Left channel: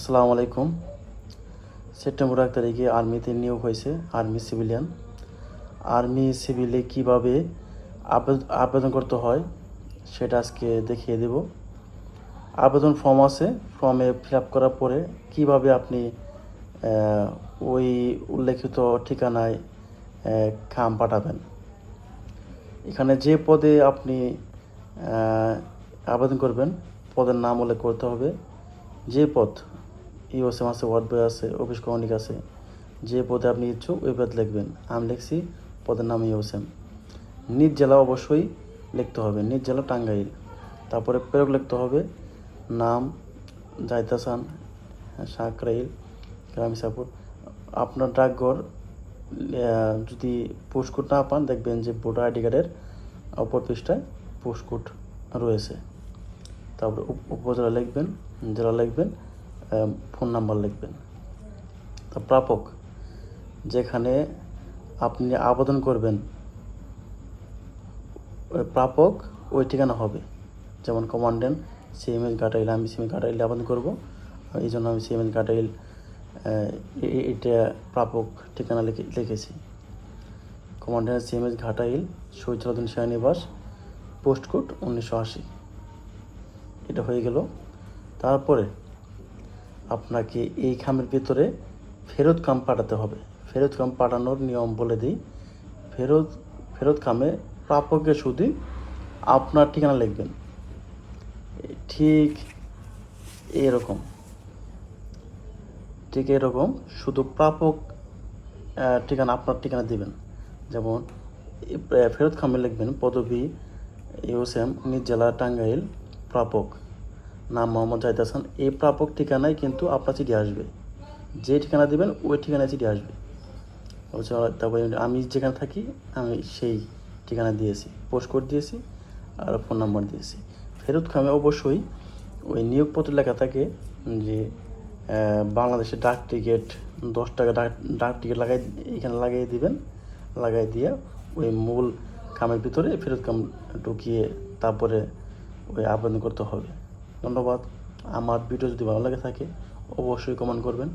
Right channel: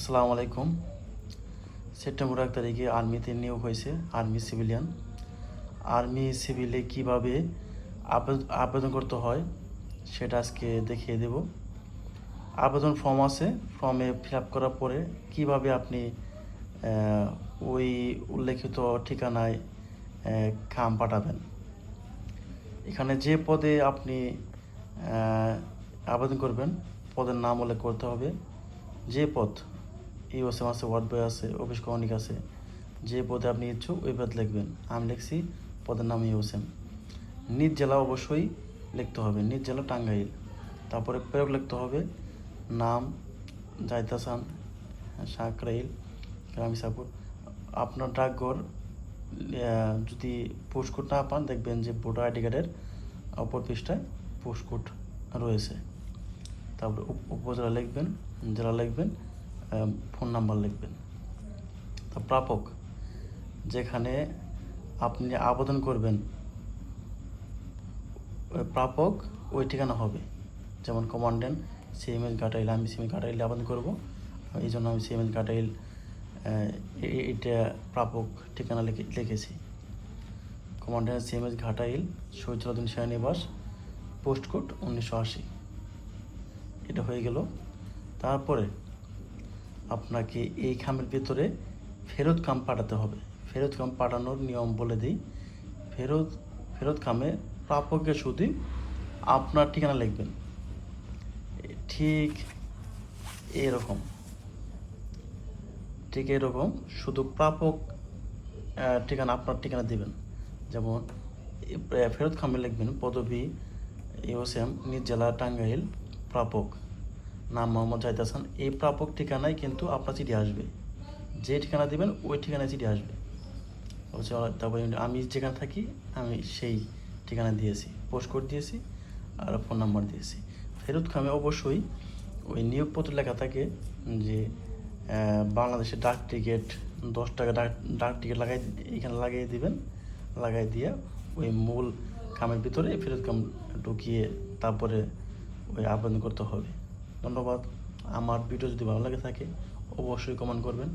আসসালামু আলাইকুম। সেপ্টেম্বর এক তারিখে আর্মিতে নিয়োগ হয়েছে, আর্মি সিভিলিয়ান। আর্মি সিভিলে কীভাবে আবেদ- আবেদন করতে হয় সেটা আজকে দেখিয়ে দেব। আবেদন ফর্ম আছে, ফর্মে ফিল আপ করার পরে কীভাবে আপনি ওই উল্লেখিত ঠিকানায় খাম পাঠাবেন। এখানে যে পদে আপনি আবেদন করবেন, পদের নাম উল্লেখ করতে হবে। যে পদ ইওসএম আছে ওয়ার্ড বয় আছে অফিস কমিক আছে, যে পদে আপনি ইচ্ছুক ওই পদ লিখবেন। আমি লিখছি, পদের নাম ইওসএম নিজ জেলা অবশ্যই লিখতে হবে নিজ জেলা টাঙ্গাইল। তারপরে প্রেরক লিখতে হবে, নাম জাইতাসান সাঁকরাইল গ্রামী সাপুর। আপনার ডাকঘর যদি পোস্টকোড না পান, দেখবেন যে ভোটার আইডি কার্ডের অপর পৃষ্ঠায় পোস্টকোড রয়েছে। তারপর উপ- উপজেলা লিখবেন, জেলা লিখবেন ফোন নাম্বার লিখবেন। তা প্রাপক, যেখানে আপনি আবেদন করবেন, ওই প্রাপক ওই ঠিকানা হবে। যেমন কমান্ডেন্ট সিএমএস ঘাটাইল আমি সিএমএস ঘাটাইলে আবেদন করব। এই জন্য আমি সিএমএস এ- এটা প্রাপক ঠিকানা লিখে, লিখেছি। কমান্ডেন্ট সিএমএস ঘাটাইল শহীদুদ্দিন সেনানিবাস পোস্ট কোড উনিশশো আশি। এটা হয়ে গেল। তারপরে আপনাকে এই খামের ভিতরে ফেরত কাম পাঠাতে হবে। ফেরত খাম পাঠানোর নিয়ম বলে দিই। ফেরত ফেরত খামে প্রাপকের শুধু আপনার ঠিকানা লিখবেন। ঠিক এরকম। ঠিক এরকম শুধু প্রাপক ঠিকানা, আপনার ঠিকানা দিবেন। যেমন ফেরত খামে লিখবেন পদবী ইউসেম নিজ জেলা, টাঙ্গাইল, প্রাপক। নাম মোহাম্মদ জাহিদ হাসান। এই প্রাপক ঠিকানায় কিন্তু আপনার চিঠি আসবে। যে ঠিকানা দিবেন ওই ঠিকানায় চিঠি আসবে। অবশ্য তারপরে আমি যেখানে থাকি আমি সেই ঠিকানা দিয়েছি। পোস্ট কোড দিয়েছি আর ফোন নম্বর দিয়েছি। ফেরত খামে অবশ্যই ওই নিয়োগপত্র লেখা থাকে যে আহ, বাংলাদেশের ডাক টিকিট দশ টাকা ডাক ডাক টিকিট লাগাই এখানে লাগিয়ে দিবেন। লাগাই দিয়ে ওই মূল খামের ভিতরে ফেরত খাম ঢুকিয়ে তারপরে ওই আবেদন করতে হবে। ধন্যবাদ। আমার ভিডিও যদি ভালো লাগে থাকে, অবশ্যই কমেন্ট করবেন।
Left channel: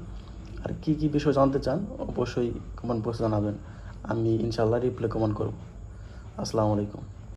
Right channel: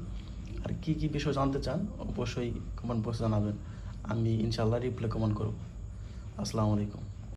আর কি কি বিষয় জানতে চান, অবশ্যই কমেন্ট বক্সে জানাবেন। আমি ইনশাল্লাহ রিপ্লাই কমেন্ট করব। আসসালামু আলাইকুম।